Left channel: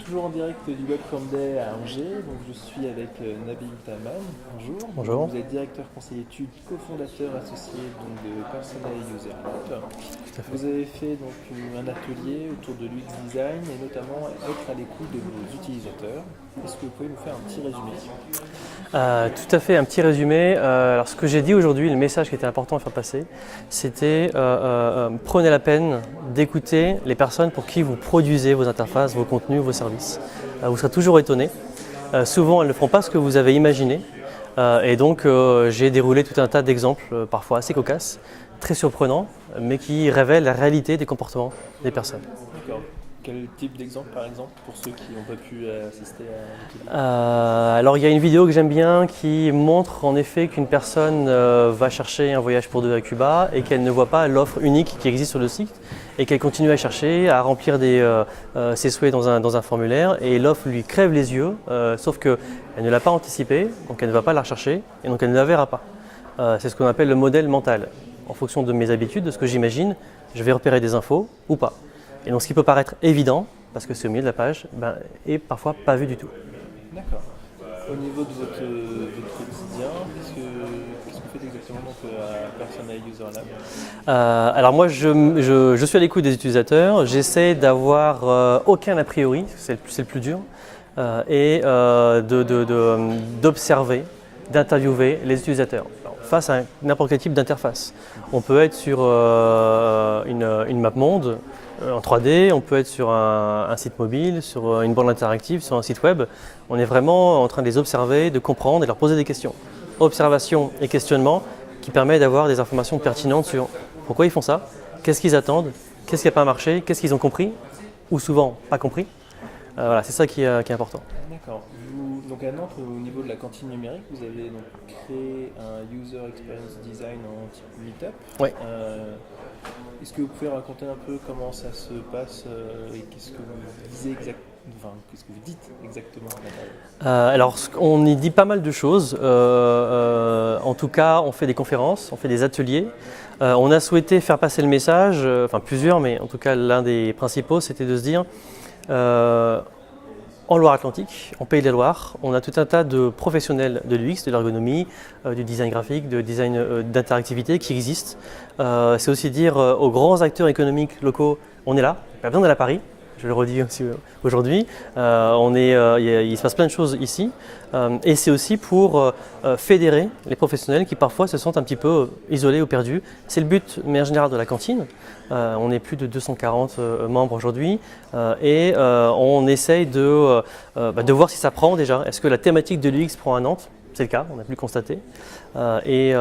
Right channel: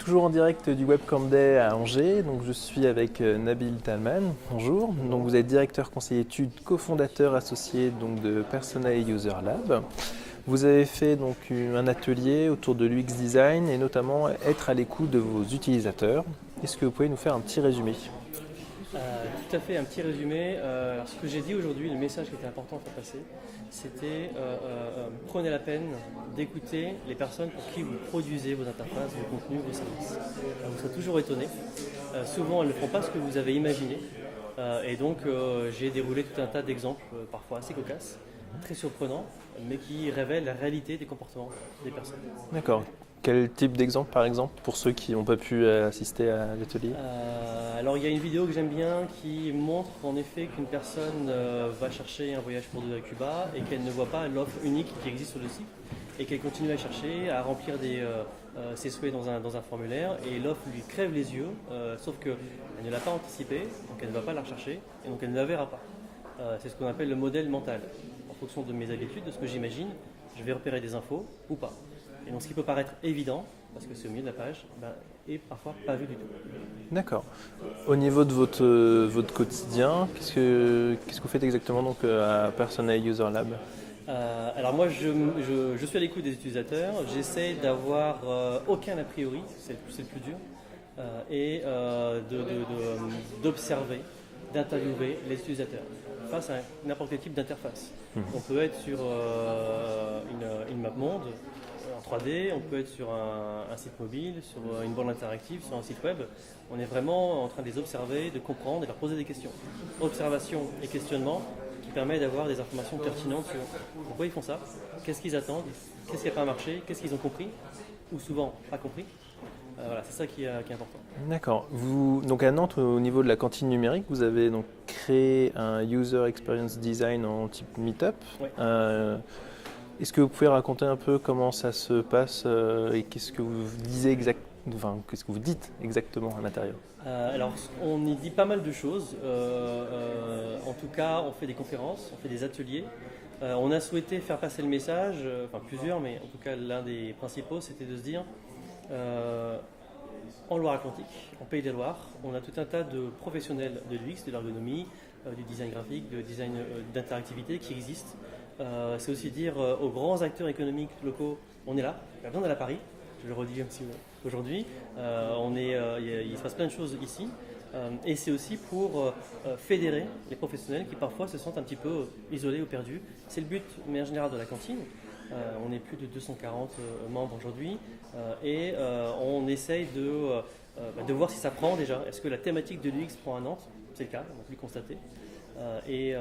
Toujours en direct du Webcam Day à Angers. Donc, je suis avec Nabil Talman. Bonjour. Bonjour. Donc, vous êtes directeur conseiller études, cofondateur associé donc, de Persona User Lab. Vous avez fait donc, un atelier autour de l'UX design et notamment être à l'écoute de vos utilisateurs. Est-ce que vous pouvez nous faire un petit résumé? Tout à fait, un petit résumé. Alors ce que j'ai dit aujourd'hui, le message qui était important à faire passer, c'était prenez la peine d'écouter les personnes pour qui vous produisez vos interfaces, vos contenus, vos services. Vous serez toujours étonné. Souvent, elles ne feront pas ce que vous avez imaginé. Et donc, j'ai déroulé tout un tas d'exemples, parfois assez cocasses, très surprenants, mais qui révèlent la réalité des comportements des personnes. D'accord. Quel type d'exemple par exemple pour ceux qui n'ont pas pu assister à l'atelier? Alors il y a une vidéo que j'aime bien qui montre en effet qu'une personne va chercher un voyage pour deux à Cuba et qu'elle ne voit pas l'offre unique qui existe sur le site et qu'elle continue à chercher, à remplir ses souhaits dans un formulaire et l'offre lui crève les yeux, sauf qu'elle ne l'a pas anticipé, donc elle ne va pas la rechercher et donc elle ne la verra pas. C'est ce qu'on appelle le modèle mental. En fonction de mes habitudes, de ce que j'imagine, je vais repérer des infos ou pas. Et donc ce qui peut paraître évident, parce que c'est au milieu de la page, est parfois pas vu du tout. D'accord. Au niveau de votre quotidien, qu'est-ce que vous faites exactement donc, à Persona User Lab? Alors moi je suis à l'écoute des utilisateurs, j'essaie d'avoir aucun a priori, c'est le plus dur, et d'observer, d'interviewer les utilisateurs. Alors, face à n'importe quel type d'interface. On peut être sur une map monde, en 3D, on peut être sur un site mobile, sur une borne interactive, sur un site web. On est vraiment en train de les observer, de comprendre et de leur poser des questions. Observation et questionnement qui permet d'avoir des informations pertinentes sur pourquoi ils font ça, qu'est-ce qu'ils attendent, qu'est-ce qui n'a pas marché, qu'est-ce qu'ils ont compris ou souvent pas compris. Voilà, c'est ça qui est important. D'accord. Donc à Nantes, au niveau de la cantine numérique, vous avez donc créé un User Experience Design en type Meetup. Oui. Est-ce que vous pouvez raconter un peu comment ça se passe et qu'est-ce que vous dites exactement à l'intérieur? Alors, on y dit pas mal de choses. En tout cas, on fait des conférences, on fait des ateliers. On a souhaité faire passer le message, enfin plusieurs, mais en tout cas l'un des principaux, c'était de se dire en Loire-Atlantique, en Pays de la Loire, on a tout un tas de professionnels de l'UX, de l'ergonomie, du design graphique, de design d'interactivité qui existent. C'est aussi dire aux grands acteurs économiques locaux, on est là, pas besoin d'aller à Paris, je le redis aussi aujourd'hui. Il se passe plein de choses ici. Et c'est aussi pour fédérer les professionnels qui parfois se sentent un petit peu isolés ou perdus. C'est le but, mais en général, de la cantine. On est plus de 240 membres aujourd'hui et on essaye de voir si ça prend déjà. Est-ce que la thématique de l'UX prend à Nantes? C'est le cas, on a pu le constater. Et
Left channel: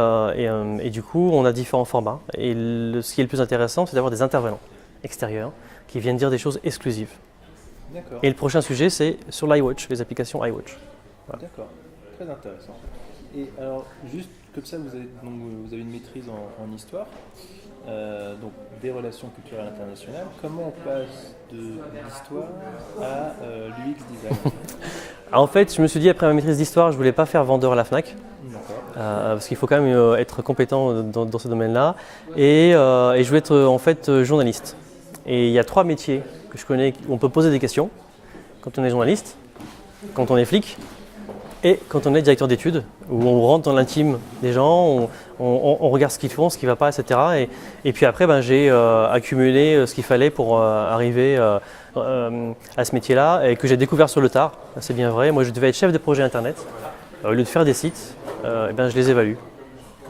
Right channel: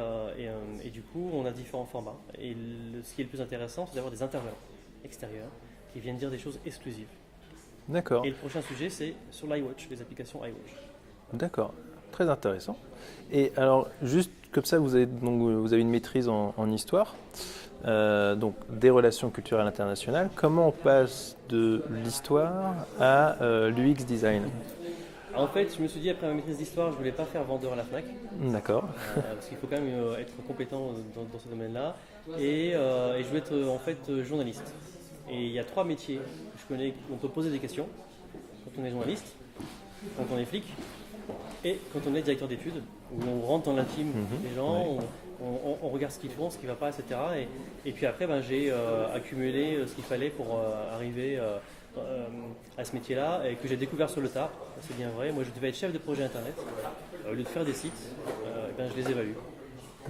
du coup, on a différents formats. Et ce qui est le plus intéressant, c'est d'avoir des intervenants extérieurs qui viennent dire des choses exclusives. D'accord. Et le prochain sujet, c'est sur l'iWatch, les applications iWatch. Voilà. D'accord, très intéressant. Et alors, juste comme ça, vous avez une maîtrise en histoire, donc des relations culturelles internationales. Comment on passe de l'histoire à l'UX design? En fait, je me suis dit, après ma maîtrise d'histoire, je ne voulais pas faire vendeur à la FNAC. D'accord. Parce qu'il faut quand même être compétent dans ce domaine-là. Et je voulais être en fait journaliste. Et il y a trois métiers que je connais où on peut poser des questions. Quand on est journaliste, quand on est flic et quand on est directeur d'études, où on rentre dans l'intime des gens, on regarde ce qu'ils font, ce qui ne va pas, etc. Et puis après, j'ai accumulé ce qu'il fallait pour arriver à ce métier-là et que j'ai découvert sur le tard. C'est bien vrai. Moi, je devais être chef de projet Internet. Au lieu de faire des sites, je les évalue.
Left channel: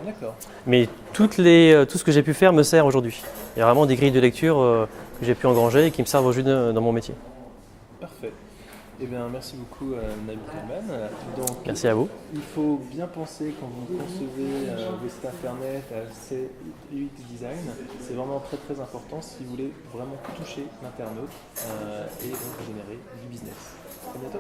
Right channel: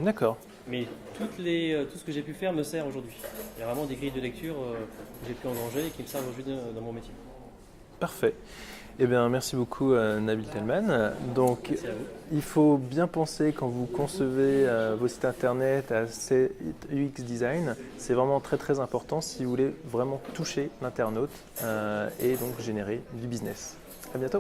D'accord. Mais tout ce que j'ai pu faire me sert aujourd'hui. Il y a vraiment des grilles de lecture que j'ai pu engranger et qui me servent aujourd'hui dans mon métier. Parfait. Eh bien, merci beaucoup Nabil Talman. Donc, merci à vous. Il faut bien penser quand vous concevez vos sites internet à UX design. C'est vraiment très très important si vous voulez vraiment toucher l'internaute et donc générer du business. À bientôt.